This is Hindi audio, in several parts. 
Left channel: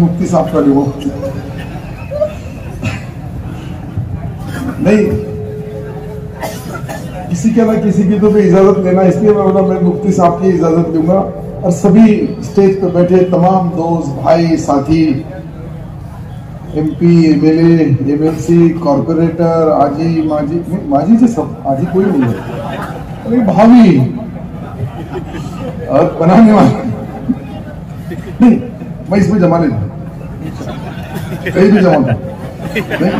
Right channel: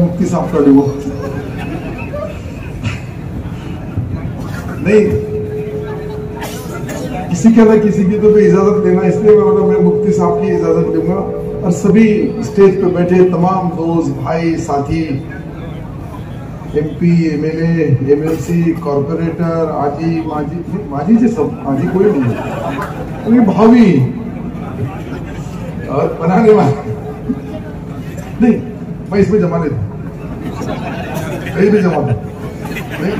मुफ्ती साहब का लूंगा। नहीं, किसी के ना किसी की तो इजाजत लेना, इसलिए मैं मुफ्ती साहब की इजाजत लूंगा। और सभी स्टेज पे बैठे तमाम दोस्त, भाई, साथी, MP, MLA, MLC, कॉर्पोरेटर, आजी, माजी से सब, आजी कोई नहीं है, अरे भाभी और बनाने वाले नहीं, मैं इसमें जमा नहीं था, कहीं भी जमा था नहीं,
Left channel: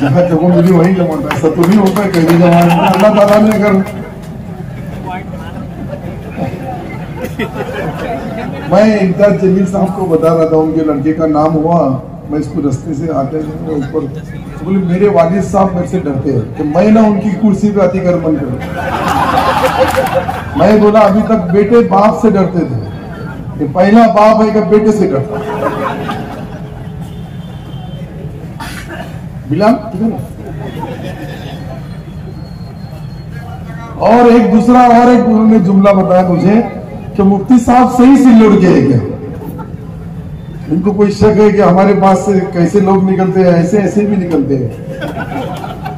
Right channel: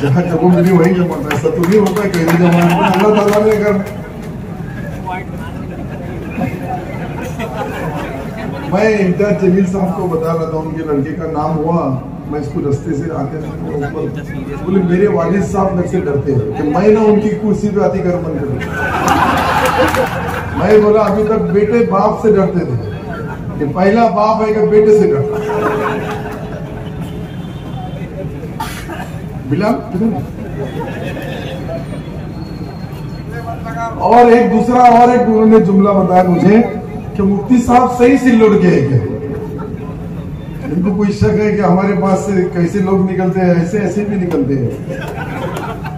जहाँ जगह मिली वहीं जमा था। ऐसा तो नहीं होता है कहीं भी जमा, अल्लाह ताला ने अगर। मैं इम्तियाज जलील साहब को बता रहा था, उनके लड़के का नाम हुआ, मैं इसको रास्ते से आते ऊपर बोले मेरे वालिद साहब मेरे से डरते हैं कि मैं ना उनकी कुर्सी पे आती कर बंद करूं। मैं बोला अभी तक बेटे बाप से डरते थे, कि पहला बाप है कि बेटे से डरता। बिलाल और एक दूसरा और एक उन्होंने जुमला बताया मुझे कि मुफ्ती साहब सही सिल्लोड के है क्या? इनको कोई शक है कि हमारे पास से कैसे लोग निकलते हैं, ऐसे ऐसे भी निकलते हैं।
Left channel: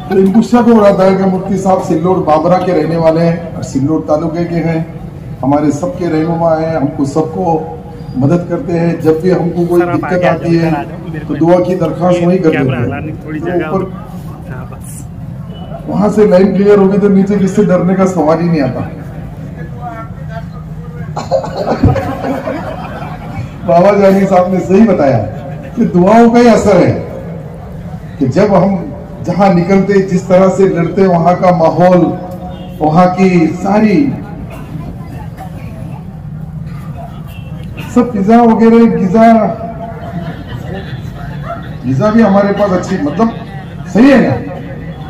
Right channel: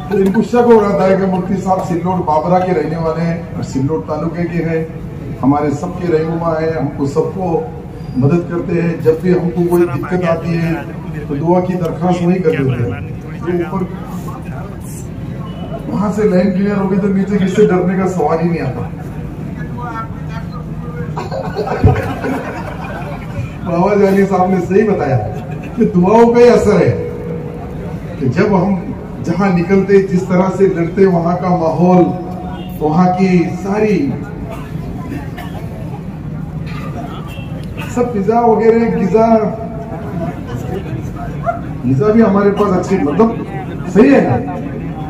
तो इनको शक हो रहा था कि मुफ्ती साहब सिल्लोड बाबरा के रहने वाले हैं और सिल्लोड तालुके के हैं, हमारे सबके रहनुमा हैं, हमको सबको मदद करते हैं। जब भी हमको कोई दिक्कत आती है तो दुआ की दरख्वास्त वही कर देते हैं। तो ऊपर वहां से लाइन क्लियर होगी तो नीचे किससे डरने का सवाल ही नहीं आता। बाबा जानी साहब ने सही बताया कि दुआओं का ही असर है कि जब हम जहां निकलते, जिस तरह से डरते, वहां का माहौल, वहां की सारी सब पिज्जा वगैरह, पिज्जा भी हमारे पास अच्छी, मतलब सही है ना,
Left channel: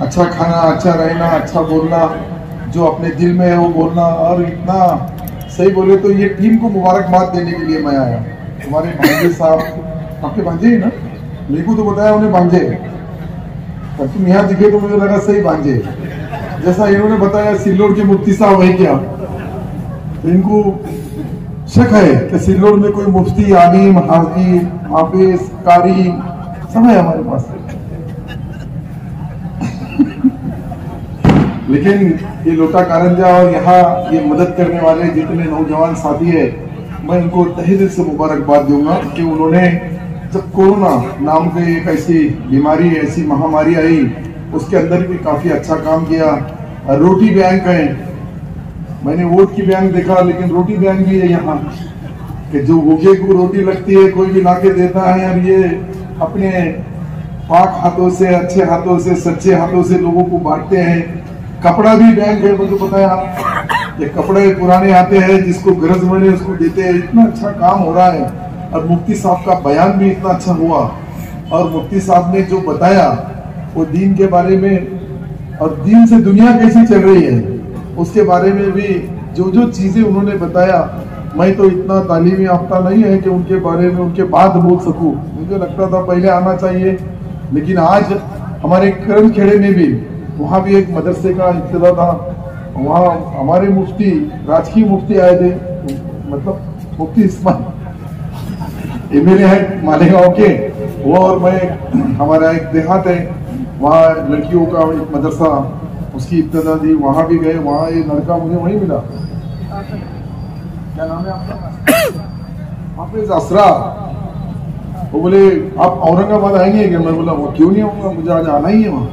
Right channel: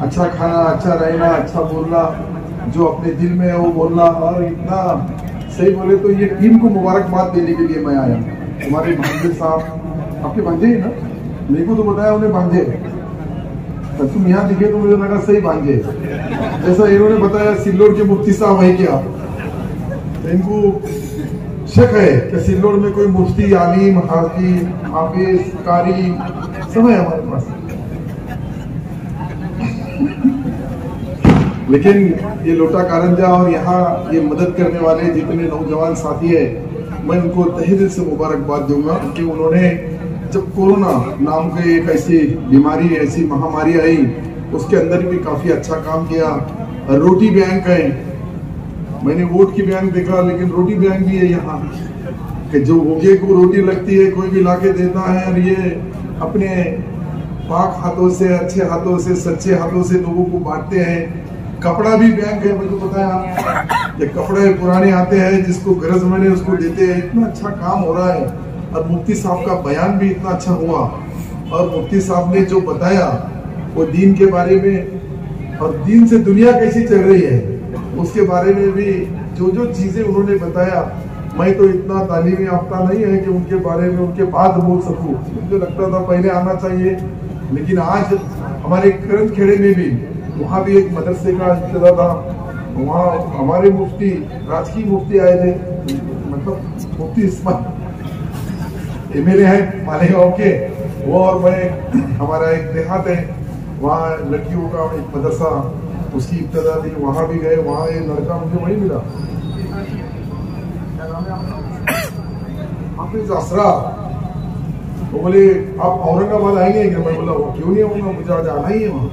अच्छा खाना, अच्छा रहना, अच्छा बोलना, जो अपने दिल में है वो बोलना। और इतना सही बोले तो ये टीम को मुबारकबाद देने के लिए मैं आया। हमारे भांजे साहब, आपके भांजे है ना, मेरे को तो बताया उन्हें भांजे, और तुम यहाँ दिखे तो मुझे लगा सही भांजे, जैसा इन्होंने बताया सिल्लोड के मुफ्ती साहब है क्या। तो इनको शक है कि सिल्लोड में कोई मुफ्ती, आलिम, हाफिज, कारी सब है हमारे पास। लेकिन ये लोटा कारंजा और यहाँ ये मदद करने वाले जितने नौजवान साथी है, मैं उनको तहे दिल से मुबारकबाद दूंगा कि उन्होंने जब कोरोना नाम की एक ऐसी बीमारी, ऐसी महामारी आई, उसके अंदर भी काफी अच्छा काम किया। रोटी बैंक है, मैंने वोट की बैंक देखा, लेकिन रोटी बैंक भी है यहाँ, कि जो भूखे को रोटी लगती है कोई भी लाके देता है, और ये अपने पाक हाथों से, अच्छे हाथों से, सच्चे हाथों से लोगों को बांटते हैं। कपड़ा भी बैंक है, मुझे बताया, ये कपड़े पुराने आते हैं, जिसको गरज मिले उसको देते हैं। इतना अच्छा काम हो रहा है, और मुफ्ती साहब का बयान भी इतना अच्छा हुआ, और मुफ्ती साहब ने जो बताया वो दीन के बारे में, और दीन से दुनिया कैसी चल रही है उसके बारे में भी जो जो चीजें उन्होंने बताया। मैं तो इतना तालीमी याफ्ता नहीं है कि उनके बारे में उनके बाद बोल सकूं, मुझे लगता था पहले आना चाहिए। लेकिन आज हमारे करम खेड़े में भी, वहाँ भी एक मदरसे का इब्तिदा था, वहाँ हमारे मुफ्ती, राजकीय मुफ्ती आए थे, मतलब मुफ्ती इस्माइल MLA है मालेगांव के, वो और मैं, हमारा एक देहात है, वहाँ लड़कियों का एक मदरसा, उसकी इब्तिदा दी, वहाँ भी गए। वहाँ एक लड़का मुझे वहीं मिला, हाफिज असरा, वो बोले आप औरंगाबाद आएंगे क्या? मैं बोला वो क्यों नहीं आऊंगा, मुझे आज आना ही है वहाँ।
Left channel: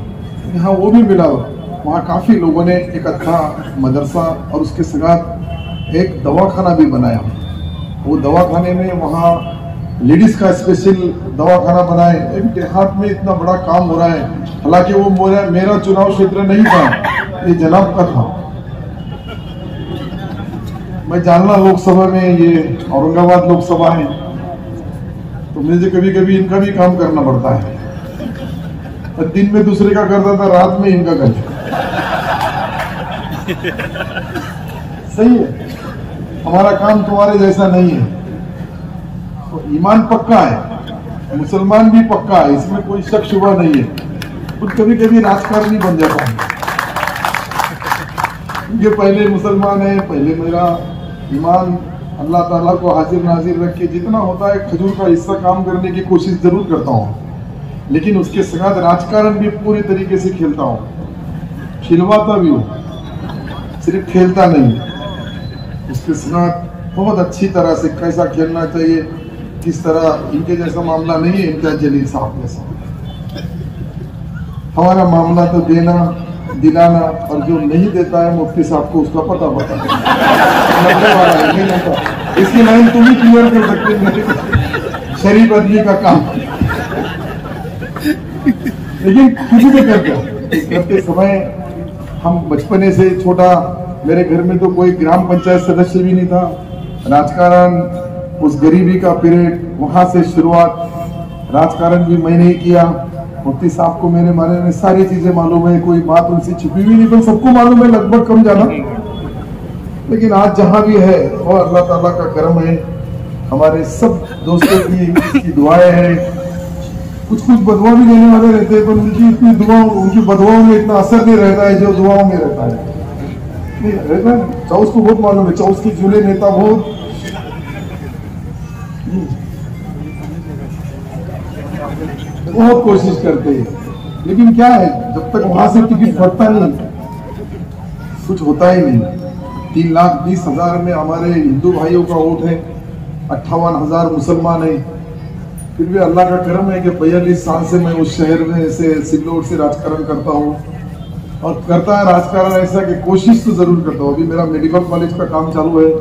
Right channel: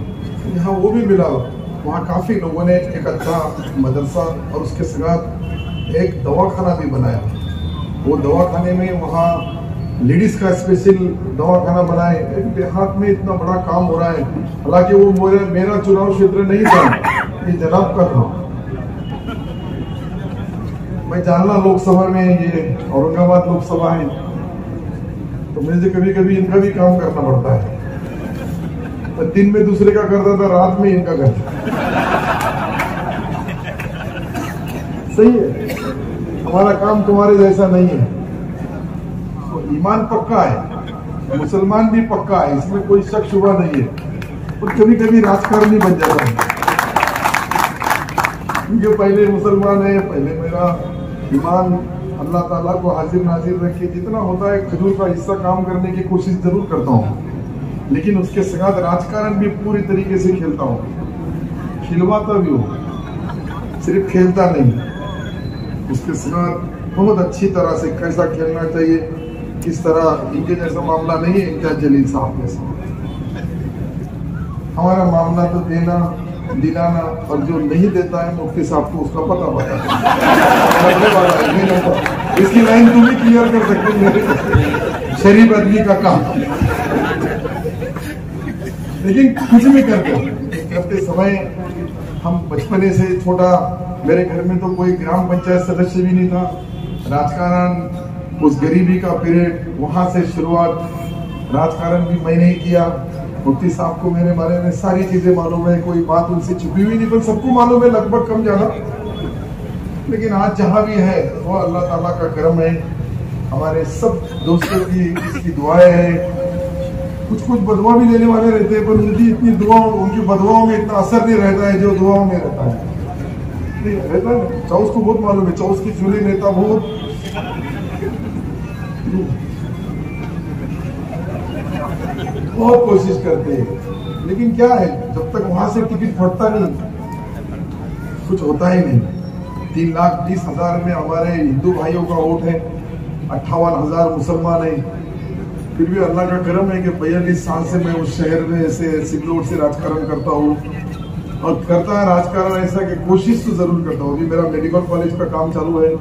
हाँ, वो भी मिला। वहाँ काफी लोगों ने एक अच्छा मदरसा और उसके साथ एक दवाखाना भी बनाया। वो दवाखाने में वहाँ लेडीज का स्पेशल दवाखाना बनाए। एक देहात में इतना बड़ा काम हो रहा है, हालांकि वो मेरा चुनाव क्षेत्र नहीं था, ये जनाब का था। मैं जानना लोकसभा में, ये औरंगाबाद लोकसभा है, तो मुझे कभी कभी इनका भी काम करना पड़ता है। तो दिन में दूसरे का करता था, रात में इनका करता। सही है, हमारा काम तुम्हारे जैसा नहीं है। तो ईमान पक्का है, मुसलमान भी पक्का है, इसमें कोई शक शुबा नहीं है। और कभी कभी राजकारणी बन जाता है, क्योंकि पहले मुसलमान है, पहले मेरा ईमान अल्लाह ताला को हाजिर नाजिर रख के जितना होता है खजूर का हिस्सा काम करने की कोशिश जरूर करता हूँ, लेकिन उसके साथ राजकारण भी पूरी तरीके से खेलता हूँ, खिलवाता भी हूँ, सिर्फ खेलता नहीं। उसके साथ बहुत अच्छी तरह से कैसा खेलना चाहिए, किस तरह, इनके जैसा मामला नहीं है इम्तियाज जलील साहब जैसा। हमारा मामला तो देना दिलाना, और जो नहीं देता है मुफ्ती साहब को उसका पता इसकी लाइन तुम ही क्लियर कर सकते हो, शरीफ आदमी का काम। लेकिन कुछ भी करते समय हम बचपने से छोटा, मेरे घर में तो कोई ग्राम पंचायत सदस्य भी नहीं था, राजकारण उस गरीबी का पीरियड वहां से शुरुआत, राजकारण भी मैंने ही किया। मुफ्ती साहब को मेरे बारे में सारी चीजें मालूम है, कोई बात उनसे छुपी हुई नहीं, पर सबको मालूम है लगभग कम ज्यादा। लेकिन आज जहां भी है वो अल्लाह ताला का करम है, हमारे सब दोस्तों की दुआएं हैं। कुछ बदुआ भी लेने वाले रहते हैं, पर उनकी इतनी दुआओं, उनकी बदुआओं में इतना असर नहीं रहता है जो दुआओं में रहता है। चौस को बहुत मालूम है, चौस के चूल्हे नेता बहुत कोशिश करते हैं, लेकिन क्या है, जब तक वहां से टिकट फटता नहीं कुछ होता ही नहीं। 3,20,000 में हमारे हिंदू भाइयों का वोट है, 58,000 मुसलमान है। फिर भी अल्लाह का करम है कि 42 साल से मैं उस शहर में से सिल्लोड से राजकारण करता हूँ, और करता है राजकारण ऐसा कि कोशिश तो जरूर करता हूँ। अभी मेरा मेडिकल कॉलेज का काम चालू है,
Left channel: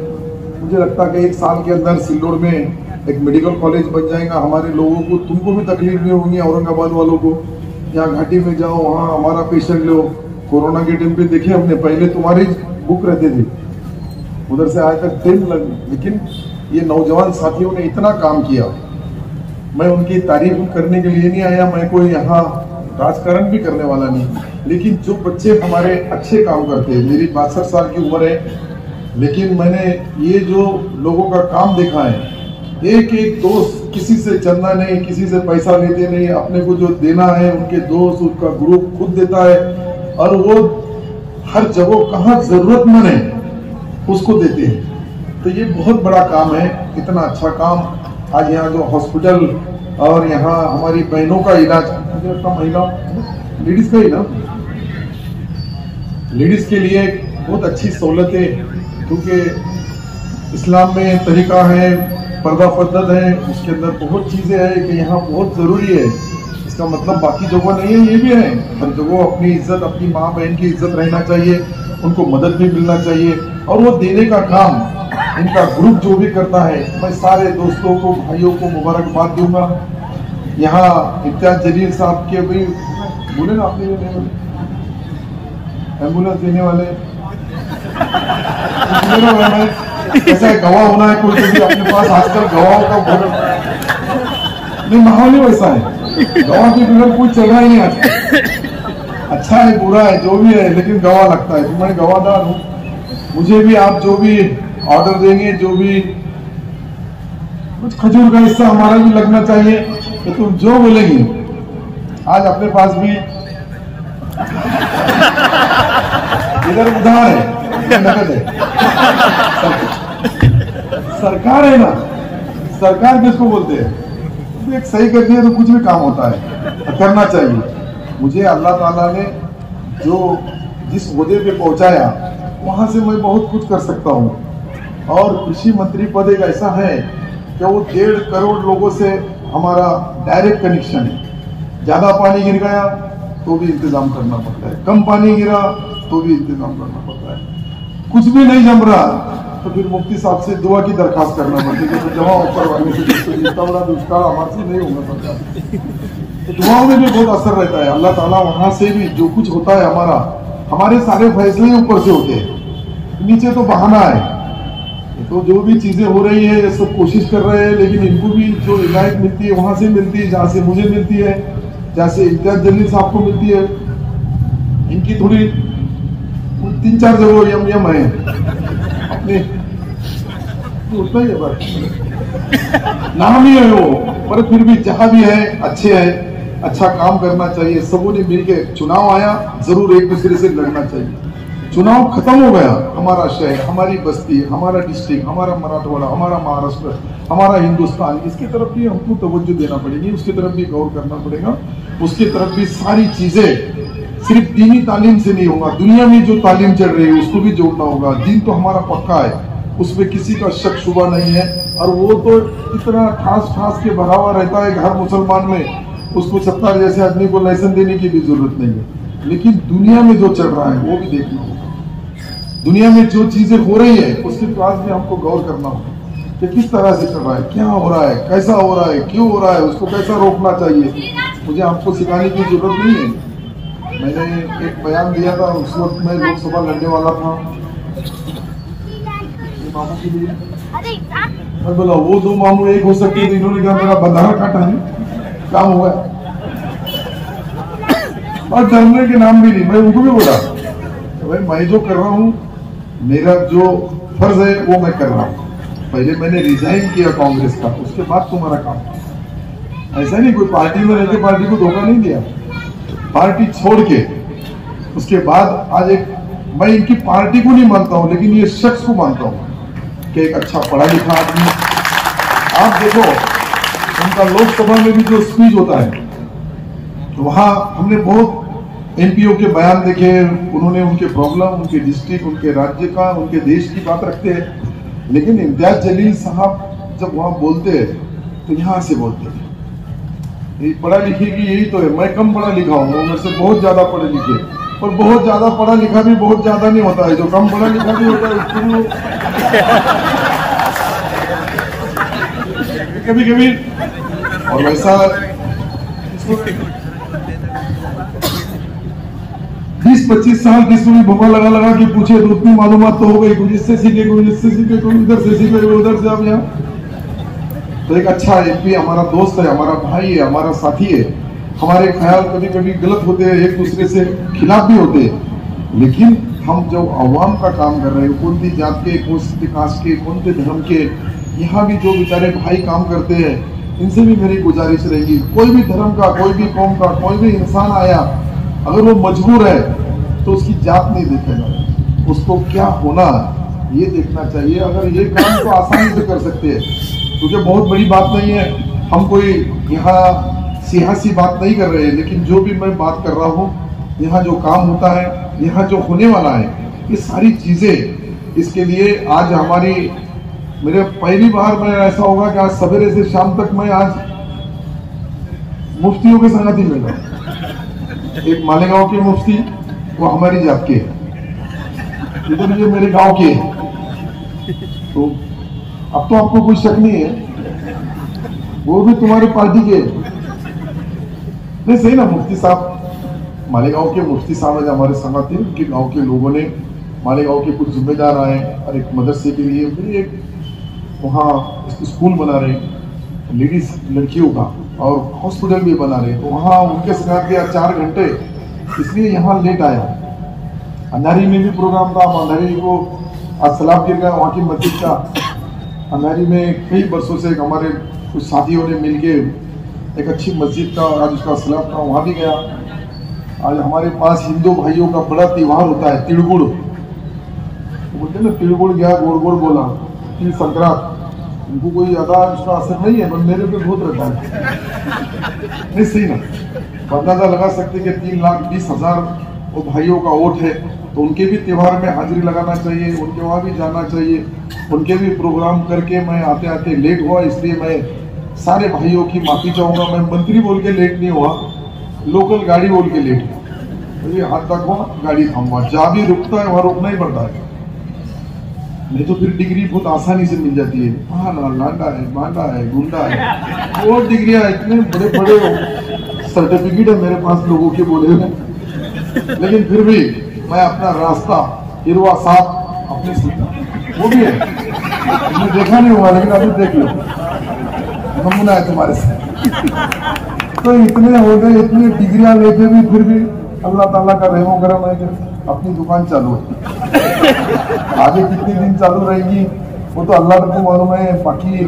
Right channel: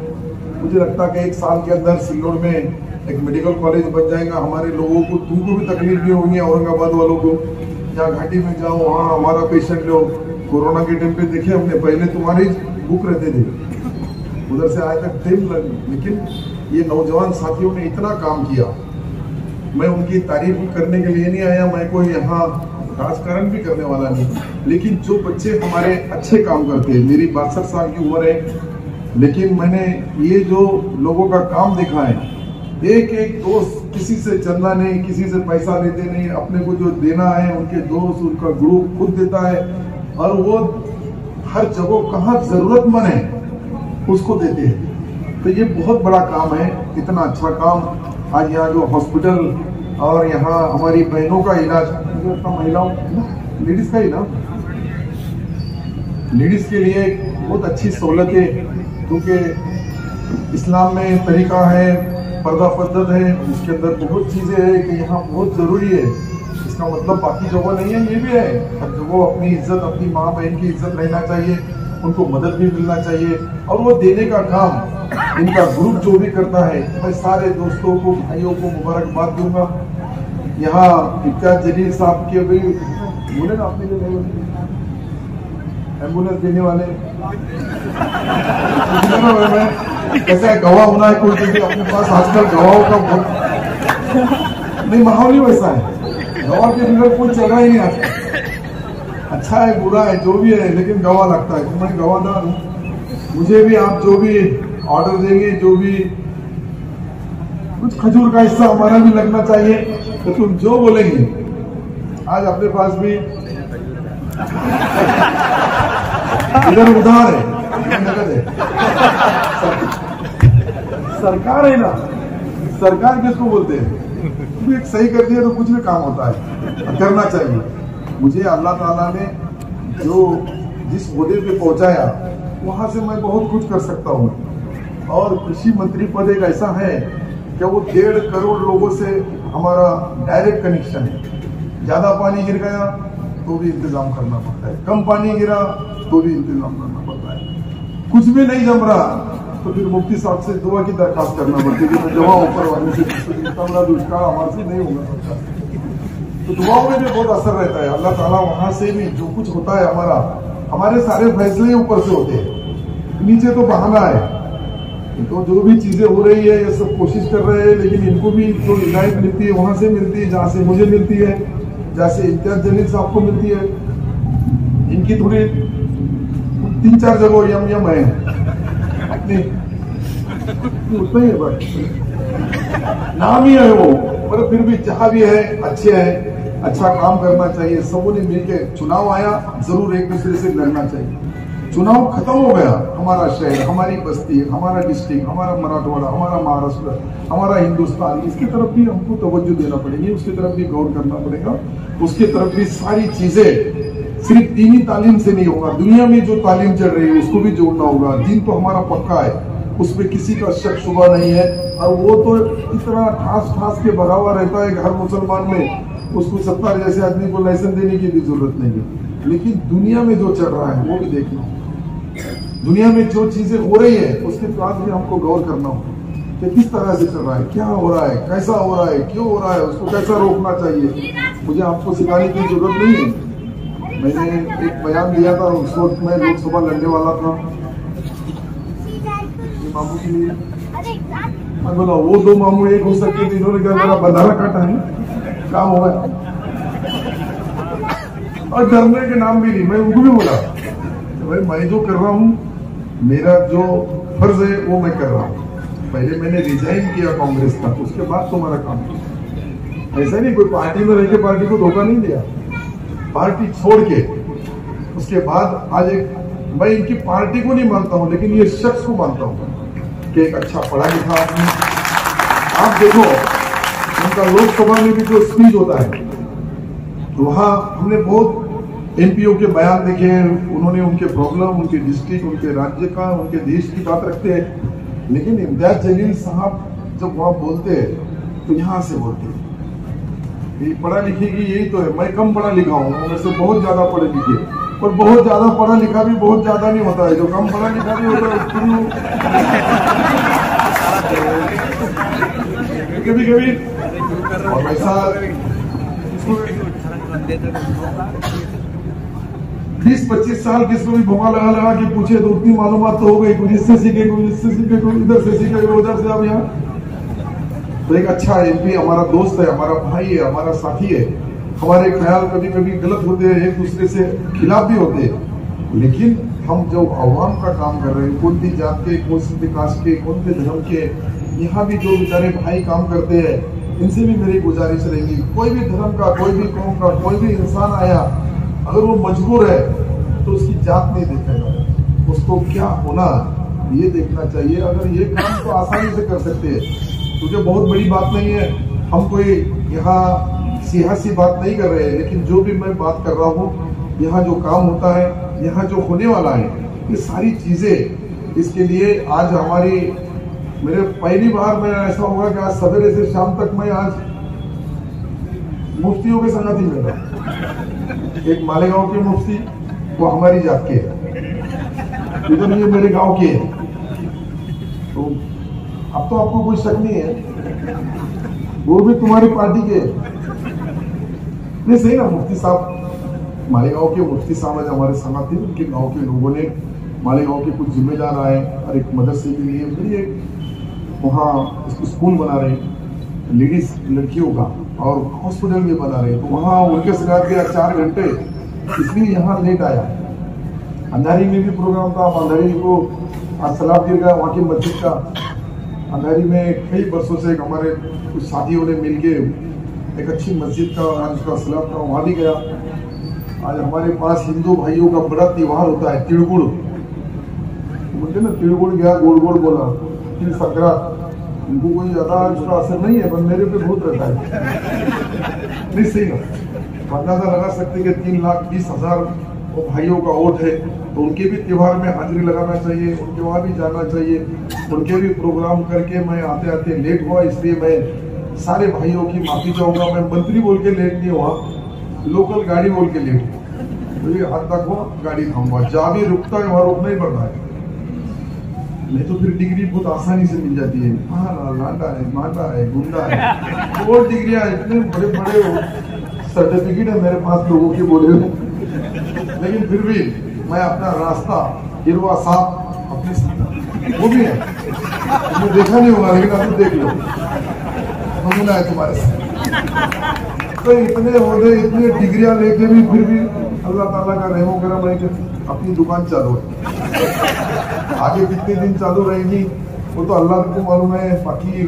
मुझे लगता है कि 1 साल के अंदर सिल्लोड में एक मेडिकल कॉलेज बन जाएगा। हमारे लोगों को, तुमको भी तकलीफ नहीं होगी, औरंगाबाद वालों को, यहाँ घाटी में जाओ, वहाँ हमारा पेशेंट लो। कोरोना के टाइम पे देखिए हमने, पहले तुम्हारी बुक रहते थे, उधर से आज तक ट्रेन लगी, लेकिन ये नौजवान साथियों ने इतना काम किया। मैं उनकी तारीफ करने के लिए नहीं आया, मैं कोई यहाँ राजकारण भी करने वाला नहीं, लेकिन जो बच्चे हमारे अच्छे काम करते हैं, मेरी 62 साल की उम्र है, लेकिन मैंने ये जो लोगों का काम देखा है, एक एक दोस्त किसी से चंदा नहीं, किसी से पैसा लेते नहीं, अपने को जो देना है उनके दोस्त, उनका ग्रुप खुद देता है, और वो हर जगह कहाँ जरूरतमंद है उसको देते हैं। तो ये बहुत बड़ा काम है, इतना अच्छा काम। आज यहाँ जो हॉस्पिटल और यहाँ हमारी बहनों का इलाज, महिलाओं लेडीज का इलाज, लेडीज के लिए बहुत अच्छी सहूलत है, क्योंकि इस्लाम में तरीका है, पर्दा पद्धत है, उसके अंदर बहुत चीजें हैं कि यहाँ बहुत जरूरी है। इसका मतलब बाकी जगह नहीं है, ये भी है, हर जगह अपनी इज्जत, अपनी माँ बहन की इज्जत रहना चाहिए, उनको मदद भी मिलना चाहिए, और वो देने का काम इनका ग्रुप जो भी करता है, मैं सारे दोस्तों को, भाइयों को मुबारकबाद दूंगा। यहाँ इम्तियाज जलील साहब के भी बोले ना, आपने एम्बुलेंस देने वाले कैसा गवाह होना है, कोई भी अपने पास आजकल गवाहों का नहीं, माहौल ही वैसा है, गवाह के बिना कुछ चल रहा ही नहीं आज। अच्छा है बुरा है जो भी है, लेकिन गवाह लगता है, तो मैं गवाहदार हूँ। मुझे भी आप जो भी ऑर्डर देंगे, जो भी कुछ खजूर का हिस्सा हमारा भी लगना चाहिए, तो तुम जो बोलेंगे। आज अपने पास भी इधर उधार है, नकद है, सरकार है ना, सरकार किसको बोलते हैं, एक सही कर दिया तो कुछ भी काम होता है, करना चाहिए। मुझे अल्लाह ताला ने जो जिस ओहदे पे पहुंचाया, वहां से मैं बहुत कुछ कर सकता हूँ। और कृषि मंत्री पद एक ऐसा है कि वो 1.5 करोड़ लोगों से हमारा डायरेक्ट कनेक्शन है। ज्यादा पानी गिर गया तो भी इंतजाम करना पड़ता है, कम पानी गिरा तो भी इंतजाम करना पड़ता है। कुछ भी नहीं जम रहा तो फिर मुफ्ती साहब से दुआ की दरखास्त करना पड़ती है, तो जमा ऊपर वाले से दुष्काल हमारे नहीं होना पड़ता। तो दुआओं में भी बहुत असर रहता है। अल्लाह ताला वहां से भी जो कुछ होता है हमारे सारे फैसले ही ऊपर से होते हैं, नीचे तो बहाना है। तो जो भी चीजें हो रही है ये सब कोशिश कर रहे हैं, लेकिन इनको भी जो हिदायत मिलती है वहां से मिलती है, जहाँ से मुझे मिलती है, जैसे इम्तियाज जलील साहब को मिलती है। इनकी थोड़ी 3-4 जगह यम है अपने, उतना ही है, नाम ही है वो, पर फिर भी जहां भी है अच्छे है, अच्छा काम करना चाहिए। सबों ने मिलकर चुनाव आया, जरूर एक दूसरे से लड़ना चाहिए। चुनाव खत्म हो गया, हमारा शहर, हमारी बस्ती, हमारा डिस्ट्रिक्ट, हमारा मराठवाड़ा, हमारा महाराष्ट्र, हमारा हिंदुस्तान, इसकी तरफ भी हमको तवज्जो देना पड़ेगी, उसकी तरफ भी गौर करना पड़ेगा। उसकी तरफ भी सारी चीजें सिर्फ दीनी तालीम से नहीं होगा, दुनिया में जो तालीम चल रही है उसको भी जोड़ना होगा। दीन तो हमारा पक्का है, उसमें किसी का शक शुबा नहीं है, और वो तो इतना ठास के भरा हुआ रहता है हर मुसलमान में, उसको सत्तार जैसे आदमी को लाइसेंस देने की भी जरूरत नहीं है। लेकिन दुनिया में जो चल रहा है वो भी देखना होगा, दुनिया में जो चीजें हो रही है उसके पास भी हमको गौर करना होगा कि किस तरह से चल रहा है, क्या हो रहा है, कैसा हो रहा है, क्यों हो रहा है, उसको कैसा रोकना चाहिए। मुझे आपको सिखाने की जरूरत नहीं है। मैंने एक बयान दिया था, उस वक्त मैं लोकसभा लड़ने वाला था, मामू के लिए मैं बोला वो दो मामू एक हो सकते थे, इन्होंने क्या मेरा बंधारा काटा है, क्या हुआ। और डरने के नाम भी नहीं, मैं उनको भी बोला भाई मैं जो कर रहा हूँ, मेरा जो फर्ज है वो मैं कर रहा हूँ। पहले मैंने रिजाइन किया कांग्रेस का, उसके बाद तुम्हारा काम किया। ऐसा नहीं कोई पार्टी में रहकर पार्टी को धोखा नहीं दिया, पार्टी छोड़ के उसके बाद आज एक, मैं इनकी पार्टी को नहीं मानता हूं लेकिन ये शख्स को मानता हूं कि एक अच्छा पढ़ा लिखा आदमी। आप देखो उनका लोकसभा में भी जो स्पीच होता है, वहां हमने बहुत एमपीओ के बयान देखे, उन्होंने उनके प्रॉब्लम, उनके डिस्ट्रिक्ट, उनके राज्य का, उनके देश की बात रखते हैं। लेकिन इम्तियाज जलील साहब जब वहां बोलते हैं तो यहां से बोलते हैं, ये पढ़ा लिखे की यही तो है। मैं कम पढ़ा लिखा हूँ, मेरे से बहुत ज्यादा पढ़े लिखे, और बहुत ज्यादा पढ़ा लिखा भी बहुत ज्यादा नहीं होता है, जो कम पढ़ा लिखा भी होता है कभी कभी। और वैसा 20-25 साल किसी में भोगा लगा के पूछे तो उतनी मालूमात तो हो गई, कुछ इससे सीखे, कुछ इससे सीखे, कुछ इधर से सीखे, उधर से। अब यहाँ तो एक अच्छा एमपी हमारा दोस्त है, हमारा भाई है, हमारा साथी है। हमारे ख्याल कभी कभी गलत होते हैं, एक दूसरे से खिलाफ भी होते हैं, लेकिन हम जो अवाम का काम कर रहे हैं, कौन सी जात के, कौन सी कास्ट के, कौन से धर्म के, यहाँ भी जो बेचारे भाई काम करते हैं, इनसे भी मेरी गुजारिश रहेगी, कोई भी धर्म का, कोई भी कौम का कोई भी इंसान आया, अगर वो मजबूर है तो उसकी जात नहीं देखेगा, उसको क्या होना ये देखना चाहिए। अगर ये काम तो आसानी से कर सकते हैं, क्योंकि बहुत बड़ी बात नहीं है, हम कोई यहाँ सियासी बात नहीं कर रहे हैं, लेकिन जो भी मैं बात कर रहा हूँ, यहाँ जो काम होता है, यहाँ जो होने वाला है, ये सारी चीजें, इसके लिए आज हमारी, मेरे पहली बार में ऐसा होगा कि आज सवेरे से शाम तक मैं आज मुफ्तियों के संगति में रहा। एक मालेगांव के मुफ्ती, वो हमारी जात के, इधर ये मेरे गांव के है, तो अब तो आपको कोई शक नहीं है, वो भी तुम्हारी पार्टी के नहीं, सही ना। मुफ्ती साहब, मालेगांव के मुफ्ती साहब आज हमारे संगति, उनके गांव के लोगों ने, मालेगांव के कुछ जिम्मेदार आए और एक मदरसे के लिए फिर एक वहाँ स्कूल बना रहे लेडीज लड़कियों का, और हॉस्पिटल भी बना रहे, तो वहाँ उनके साथ गया 4 घंटे, इसलिए यहाँ लेट आया। अंधारी में भी प्रोग्राम था, अंधारी को आज सलाब गिर गया वहाँ की मस्जिद का। अंधारी में कई वर्षों से हमारे कुछ साथियों ने मिलके एक अच्छी मस्जिद का आज उसका सलाब था, वहाँ भी गया। आज हमारे पास हिंदू भाइयों का बड़ा त्योहार होता है, तिलगुड़ बोलते ना, तिलगुड़ गया, गोड़ गोड़ बोला, तिल संक्रांत, उनको कोई ज्यादा उसका असर नहीं है, मेरे पे बहुत रहता है। नहीं सही ना, अंदाजा लगा सकते कि 3,20,000 वो भाइयों का वोट है, तो उनके भी त्योहार में हाजिरी लगाना चाहिए, उनके वहाँ भी जाना चाहिए, उनके भी प्रोग्राम करके। मैं आते आते लेट हुआ, इसलिए मैं सारे भाइयों की माफी चाहूंगा। मैं मंत्री बोल के लेट नहीं हुआ, लोकल गाड़ी बोल के लेट हुआ, तो ये हाथ तक हुआ, गाड़ी थामूंगा, जहाँ भी रुकता है वहाँ रुकना ही पड़ता है, नहीं तो फिर डिग्री बहुत आसानी से मिल जाती है। हाँ, लांडा है, मांडा है, गुंडा है, वो डिग्रियां इतने बड़े बड़े सर्टिफिकेट है मेरे पास लोगों के बोले हुए, लेकिन फिर भी मैं अपना रास्ता हिरवा साहब अपने सीखा, वो भी है, मुझे देखा नहीं हुआ लेकिन अभी देख लो, नमूना है तुम्हारे से। तो इतने हो गए, इतनी डिग्रियां लेके भी फिर भी अल्लाह ताला का रहमो करम है कि अपनी दुकान चालू है। आगे कितने दिन चालू रहेगी वो तो अल्लाह को मालूम है, बाकी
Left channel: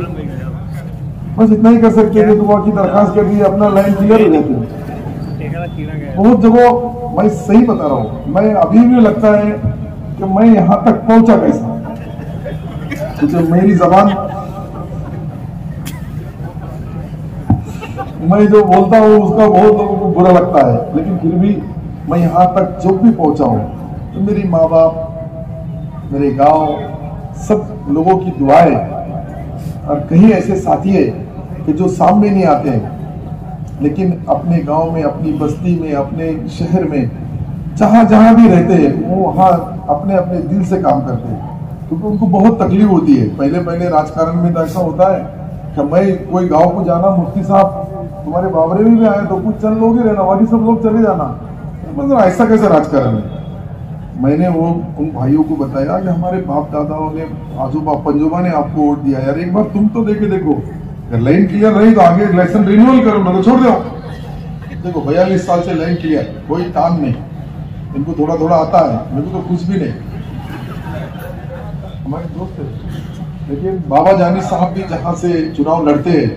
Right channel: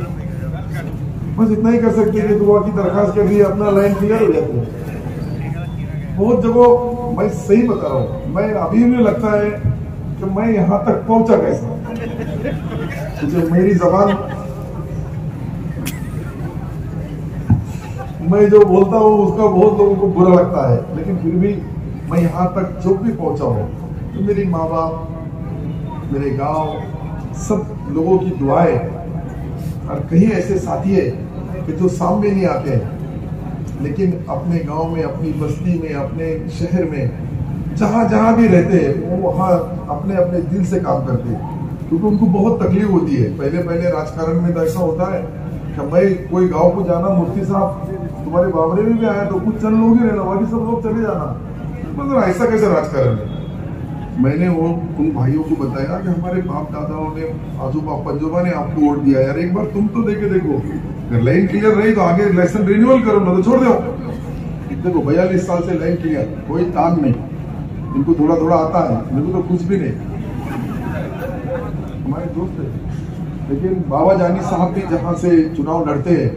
बस इतना ही कर सकते हैं कि दुआ की दरखास्त कर दी, अपना लाइन क्लियर हो जाती है। बहुत जगह मैं सही बता रहा हूँ, मैं अभी भी लगता है कि मैं यहां तक पहुंचा कैसा। तो जब मेरी जबान, मैं जो बोलता हूँ उसका बहुत लोगों को बुरा लगता है, लेकिन फिर भी मैं यहां तक जो भी पहुंचा हूं तो मेरी माँ बाप, मेरे गांव, सब लोगों की दुआएं, और कहीं ऐसे साथी है कि जो सामने नहीं आते हैं लेकिन अपने गांव में, अपनी बस्ती में, अपने शहर में, जहां जहां भी रहते हैं वो वहां अपने अपने दिल से काम करते हैं, क्योंकि उनको बहुत तकलीफ होती है। पहले पहले राजकारण में तो ऐसा होता है कि मैं कोई गांव को जाना, मुफ्ती साहब तुम्हारे बाबरे में भी आए तो कुछ चंद लोग ही रहना, बाकी सब लोग चले जाना, मतलब ऐसा कैसे राजकारण है। मैंने वो उन भाइयों को बताया कि हमारे बाप दादाओं ने, आजोबा पंजोबा ने आपको वोट दिया, यार एक बार तुम तो देके देखो, अगर लाइन क्लियर रही तो आगे इलेक्शन रिन्यूअल करो, ना तो छोड़ दो। देखो 42 साल से लाइन क्लियर, कोई काम नहीं, इनको थोड़ा थोड़ा आता है, मुझे तो कुछ भी नहीं। हमारे दोस्त है, लेकिन बाबा जानी साहब भी जहाँ से चुनाव लड़ते हैं,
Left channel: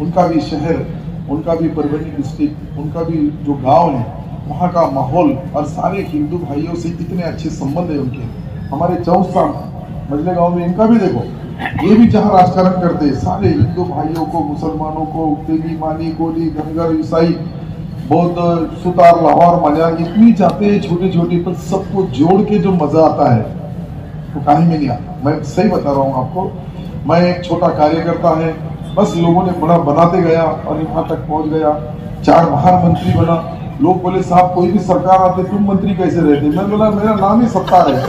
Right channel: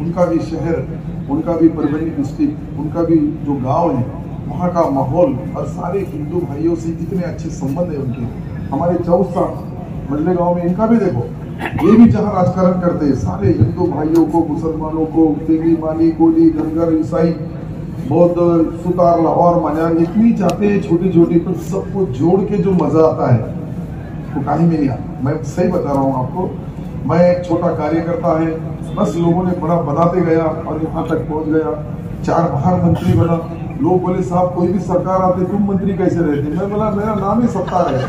उनका भी शहर, उनका भी परभनी डिस्ट्रिक्ट, उनका भी जो गांव है, वहाँ का माहौल और सारे हिंदू भाइयों से इतने अच्छे संबंध है उनके। हमारे चौसा मजले गांव में इनका भी देखो, ये भी जहाँ राजकारण करते हैं, सारे हिंदू भाइयों को, मुसलमानों को, तेली, माली, कोली, धनगर, ईसाई, बौद्ध, सुतार, लाहौर, मलयान, इतनी जाते हैं छोटी छोटी, पर सबको जोड़ के जो मजा आता है वो कहीं भी नहीं आता। मैं सही बता रहा हूँ आपको, मैं एक छोटा कार्यकर्ता है, बस लोगों ने बड़ा बनाते गया और यहाँ तक पहुंच गया। 4 महामंत्री बना, लोग बोले साहब कोई भी सरकार आते तुम मंत्री कैसे रहते, मैं बोला मेरा नाम ही सत्तार है,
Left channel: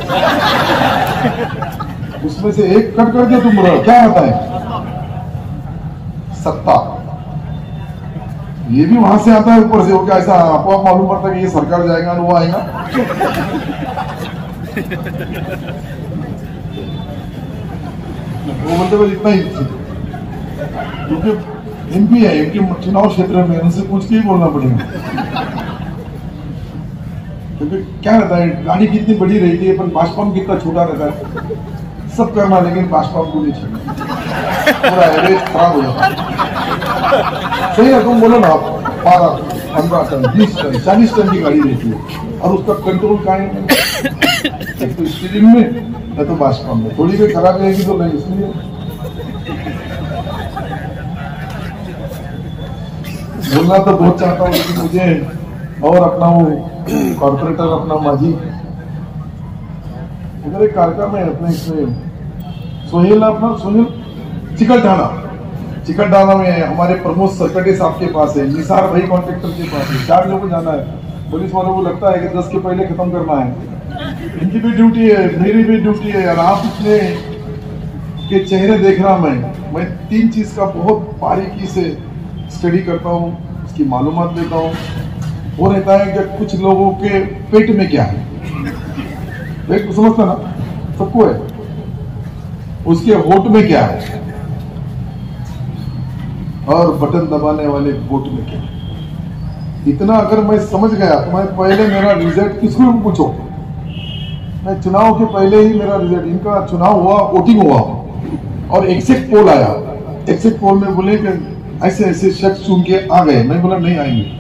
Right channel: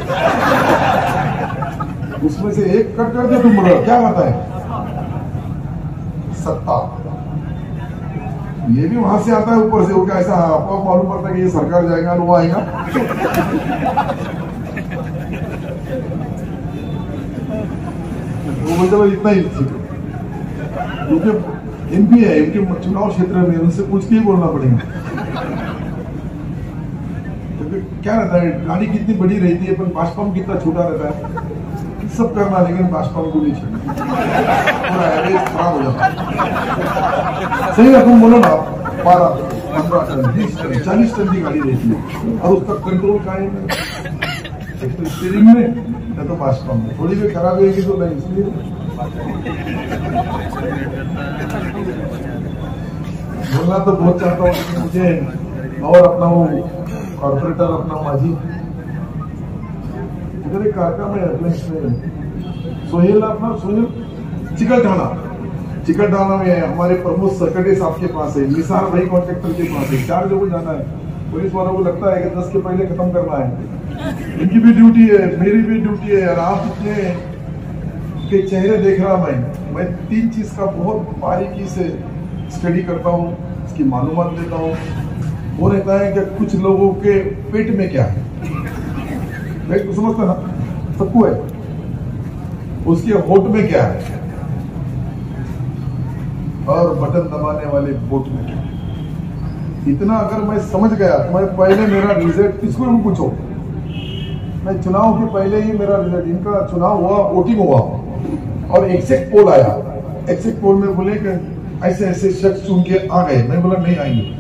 उसमें से एक कट करके तुम बोलो क्या होता है सत्ता। ये भी वहां से आता है ऊपर से, हो क्या ऐसा आपको मालूम पड़ता है कि ये सरकार जाएगा और वो आएगा। वो बोलते इतना ही, क्योंकि एमपी है, इनके चुनाव क्षेत्र में उनसे पूछ के ही बोलना पड़ेगा। क्योंकि क्या रहता है, गाड़ी कितनी बड़ी रहती है पर बाष्पम कितना छोटा रहता है, सब करना लेकिन बाष्पम को नहीं छोड़ना, पूरा एवरेज खराब हो जाता है। सही है, तुम बोलो ना, 12, 15 टन, 20 टन, 40 टन की गाड़ी रहती है और उसका कंट्रोल कहाँ है, एक तो स्टीयरिंग में या तो बाष्पम में, थोड़ी भी खराब रहेगी तो नहीं। इसलिए बोलना तो बहुत चाहता हूँ, लेकिन मुझे और अपना वो कॉर्पोरेटर, अपना माजी, इधर एक कार्यक्रम है अपने सोहेल, अपना सोहेल चिकलठाना में हमारे प्रमोद सरकटे साहब के पास है, निसार भाई कॉन्ट्रेक्टर के पास है, 4 लोगों को जाना है। पुलिस वालों को लगता है कि 10 के पहले खत्म करना है, इनकी भी ड्यूटी है, मेरी भी ड्यूटी है। और आप इतने के चेहरे देख रहा, मैं 3 चीज का बहुत बारीकी से स्टडी करता हूँ, इसकी मालूमात देता हूँ। वो रहता है कि कुछ लोगों के पेट में क्या है, पेट समझता ना, सबको है, उसके होठ में क्या है और बटन दबाने वाले वोट में क्या है। इतना अगर मैं समझ गया तो मैं पहले मेरा रिजल्ट किसको पूछो, मैं चुनाव के पहले ही मेरा रिजल्ट, इनका चुनाव हुआ, वोटिंग हुआ और एग्जिट पोल आया, एग्जिट पोल में बोले कि ऐसे ऐसे शख्स चुन के आ गए, मैं बोला नहीं आएंगे।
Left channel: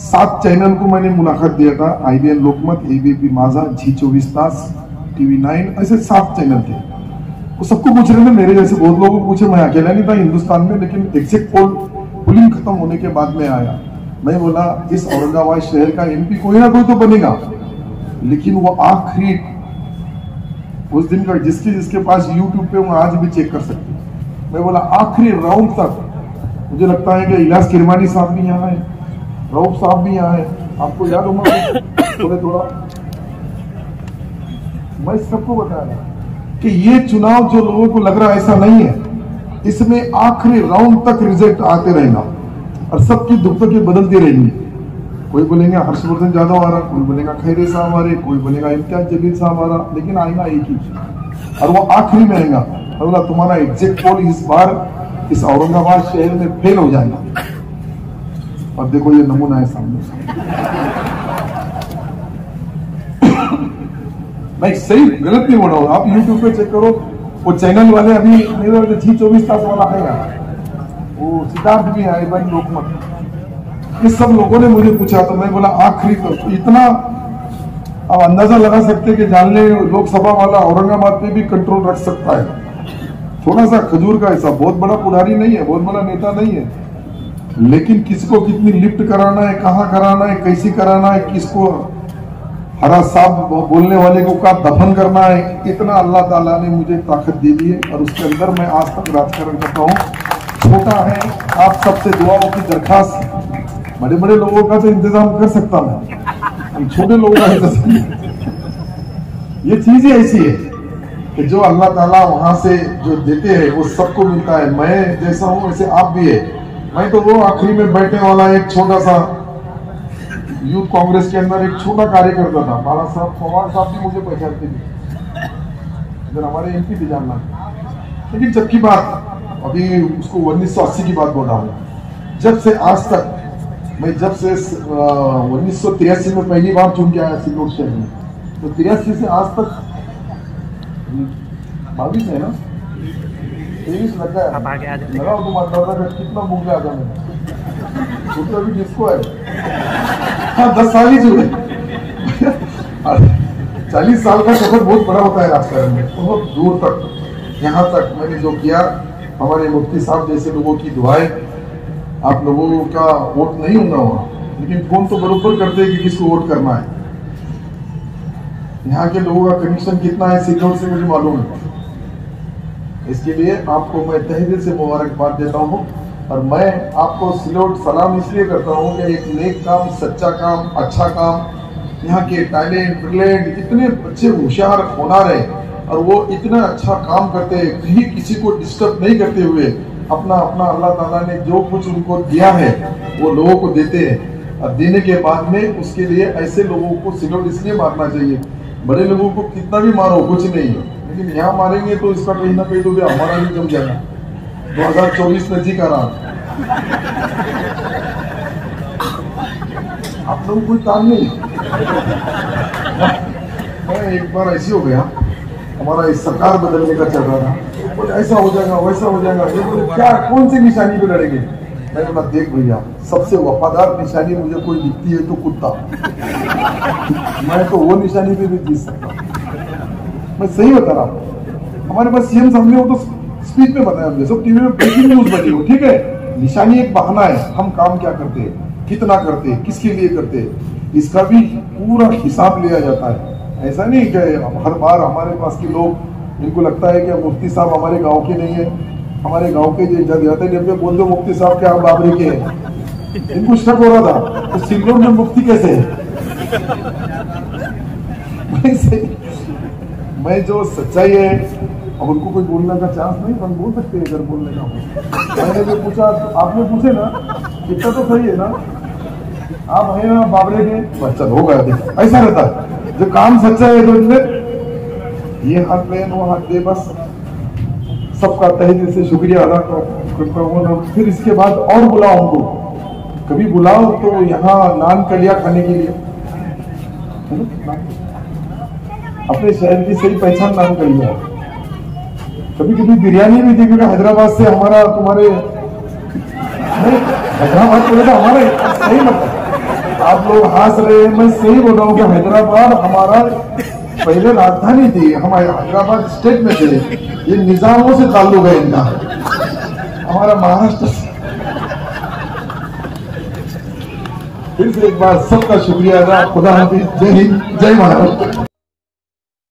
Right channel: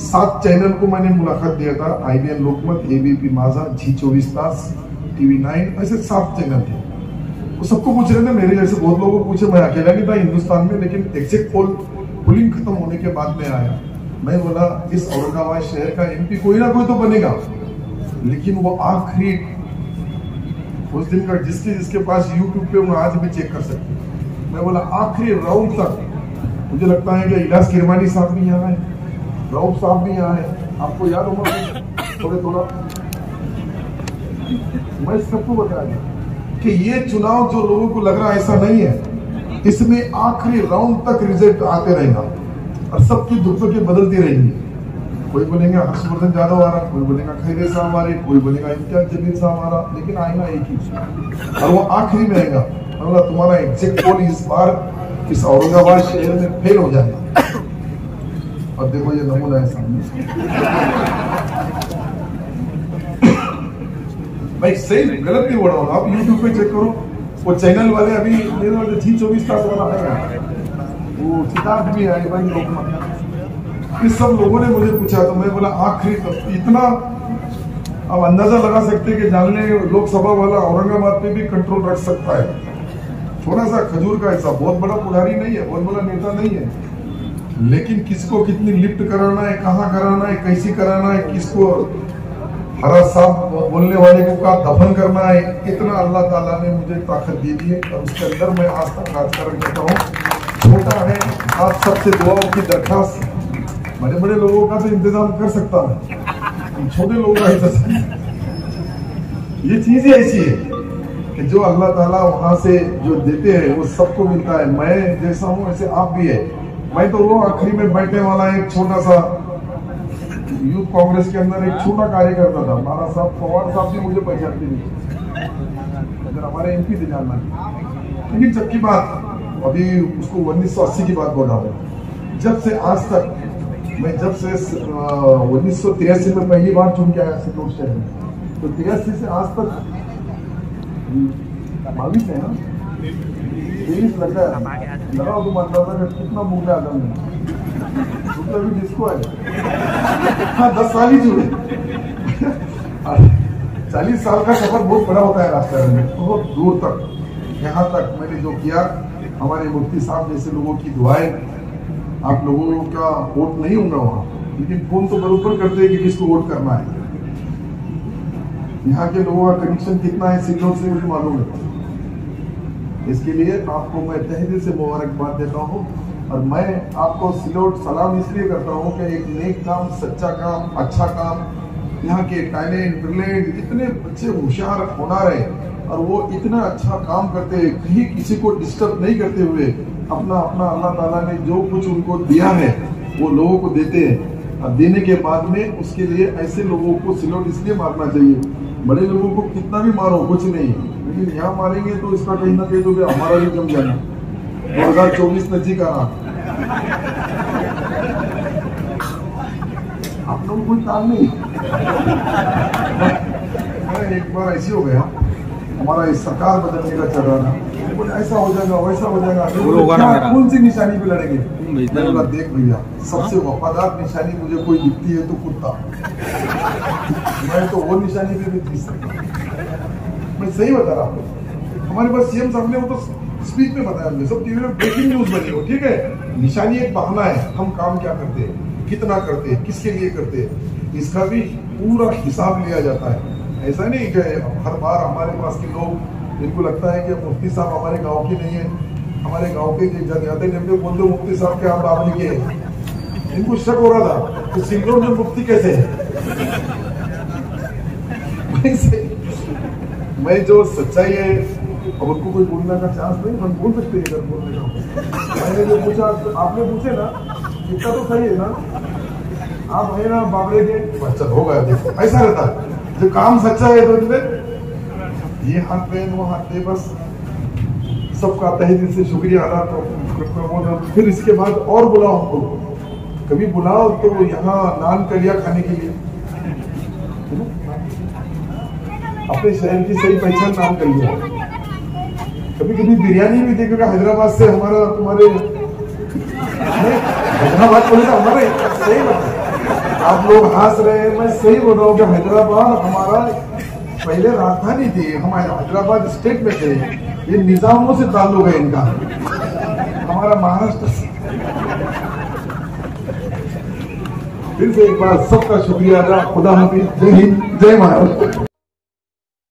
7 चैनल को मैंने मुलाकात दिया था, IBN लोकमत, ABP माझा, G24 तास, TV9, ऐसे 7 चैनल थे। वो सबको पूछ रहे थे, मेरे जैसे बहुत लोगों को पूछे, मैं अकेला नहीं था हिंदुस्तान में, लेकिन एग्जिट पोलिंग खत्म होने के बाद में आया। मैं बोला इस औरंगाबाद शहर का MP कोई ना कोई तो बनेगा, लेकिन वो आखिरी उस दिन का जिसके पास YouTube पे वो आज भी चेक कर सकते। मैं बोला आखिरी राउंड तक मुझे लगता है कि इलाज किरमानी साहब भी यहाँ है, राउत साहब भी यहाँ है, आपको याद होगा थोड़ा मैं सबको बताया कि ये चुनाव जो लोगों को लग रहा है ऐसा नहीं है, इसमें आखिरी राउंड तक रिजल्ट आते रहेगा और सबकी दुखों बदलती रहेंगी। कोई बोलेंगे हर्षवर्धन यादव आ रहा, कोई बोलेगा खैरे साहब आ रहे, कोई बोलेगा इम्तियाज जलील साहब आ रहा, लेकिन आएगा एक ही और वो आखिरी में आएगा। बोला तुम्हारा एग्जिट पोल इस बार इस औरंगाबाद शहर में फेल हो जाएगा। अब देखो ये नमूना है सामने। मैं सही गलत नहीं बोल रहा हूँ, आप YouTube पे चेक करो, वो चैनल वाले अभी मेरे G24 तास वाला आएगा, वो सिद्धार्थ भी आए भाई लोकमत, इस सब लोगों ने मुझे पूछा तो मैं बोला आखिरी तक इतना आप अंदाजा लगा सकते हैं कि जानले लोकसभा वाला औरंगाबाद पे भी कंट्रोल रख सकता है। थोड़ा सा खजूर का ऐसा, बहुत बड़ा पुजारी नहीं है, बहुत बड़ा नेता नहीं है, लेकिन किसको कितनी लिफ्ट कराना है, कहाँ कराना है, कैसी कराना है, किसको हरा साहब बोलने वाले को का दफन करना है, इतना अल्लाह ताला ने मुझे ताकत दे दी है और उसके अंदर मैं आज तक राजकारण करता हूँ। छोटा है, आप सबसे दुआओं की दरखास्त, बड़े बड़े लोगों का तो इंतजाम कर सकता हूँ, हम छोटे लोगों का इंतजाम, ये चीज ही ऐसी है कि जो अल्लाह ताला वहां से जो देते हैं वो सबको मिलता है। मैं जैसा हूँ वैसे आप भी है। मैं तो वो आखिरी में बैठने वाला एक छोटा सा यूथ कांग्रेस के अंदर एक छोटा कार्यकर्ता था। महाराज साहब पवार साहब भी मुझे पहचानते थे, हमारे MP थे जानना। लेकिन जब की बात अभी उसको 1980 की बात बोल रहा हूँ, जब से आज तक मैं जब से 1983 में पहली बार चुन के आया सिल्लोड शहर में, तो 83 से आज तक 22 है ना, 23 लगा है। लगा तो मतदाता का कितना मुंह आ जाए तो भी जिसको है 10 साल ही जुड़े 40 साल का सफर बहुत बड़ा होता है राजकारण में, बहुत दूर तक। यहाँ तक मैंने जो किया, हमारे मुफ्ती साहब जैसे लोगों की दुआएं, आप लोगों का वोट नहीं होगा वहाँ, लेकिन फोन तो बरोबर करते हैं कि किसको वोट करना है। यहाँ के लोगों का कनेक्शन कितना है सिल्लोड से मुझे मालूम है। इसके लिए आपको मैं तहे दिल से मुबारकबाद देता हूँ और मैं आपको सिल्लोड सलाम इसलिए करता हूँ कि एक नेक काम, सच्चा काम, अच्छा काम, यहाँ के टैलेंट ब्रिलियंट इतने बच्चे होशियार होनार है और वो इतना अच्छा काम करते हैं, कहीं किसी को डिस्टर्ब नहीं करते हुए अपना अपना अल्लाह ताला ने जो कुछ उनको दिया है वो लोगों को देते हैं। और देने के बाद में उसके लिए ऐसे लोगों को सिल्लोड इसलिए मारना चाहिए। बड़े लोगों को कितना भी मारो कुछ नहीं है, लेकिन यहाँ मारेंगे तो इसका कहीं ना कहीं तो हमारा भी जम जाएगा। 2024 में जी का रहा आप लोग कोई काम नहीं। एक बार ऐसी हो गया, हमारा इस सरकार बदलने का चल रहा था, ऐसा हो जाएगा वैसा हो जाएगा, क्या कौन सी निशानी पे लड़ेंगे? मैंने बोला देख भैया, सबसे वफादार निशानी मुझे कोई दिखती है तो कुत्ता, मैं तो वो निशानी पे भी जीत सकता। मैं सही बता रहा हूँ। हमारे पास CM साहब ने वो तो स्पीच में बताया, मुझे सब टीवी में ब्रेकिंग न्यूज बनी हो, ठीक है। निशानी एक बहाना है, हम काम क्या करते हैं, कितना करते हैं, किसके लिए करते हैं, इसका भी पूरा हिसाब लिया जाता है। ऐसा नहीं कि हर बार हमारे पास के लोग, इनको लगता है कि मुफ्ती साहब हमारे गांव के नहीं है, हमारे गांव के जाते डब्बे बोल दो मुफ्ती साहब के आप बाबरी के हैं। इनको शक हो रहा था तो सिल्लोड में मुफ्ती कैसे है। मैं जो सच्चाई है, अब उनको कोई बोलने का चांस नहीं, हम बोल सकते हैं अगर बोलने का। मैंने जो पूछा, आपने पूछे ना, इतना तो सही है ना, आप हैं ना बाबरे के बच्चा हो गया। ऐसा रहता है जो काम सच्चा है, तो इनमें ये हाथ में वो हाथ में, बस सबका तहे दिल से शुक्रिया अदा करता हूँ। फिर इसके बाद और बुलाओ, हमको कभी बुलाओ तो यहाँ नान कलिया खाने के लिए, अपने शहर की सही पहचान नाम कलिया। कभी कभी बिरयानी भी दीपिका हैदराबाद से, हमारा तुम्हारे हैदराबाद तो हमारे सही लगता है। आप लोग हंस रहे हैं, मैं सही बोल रहा हूँ कि हैदराबाद हमारा पहले राजधानी थी, हम हैदराबाद स्टेट में थे, ये निजामों से ताल्लुक है इनका, हमारा महाराष्ट्र। फिर से एक बार सबका शुक्रिया अदा, खुदा हाफिज, जय हिंद, जय भारत।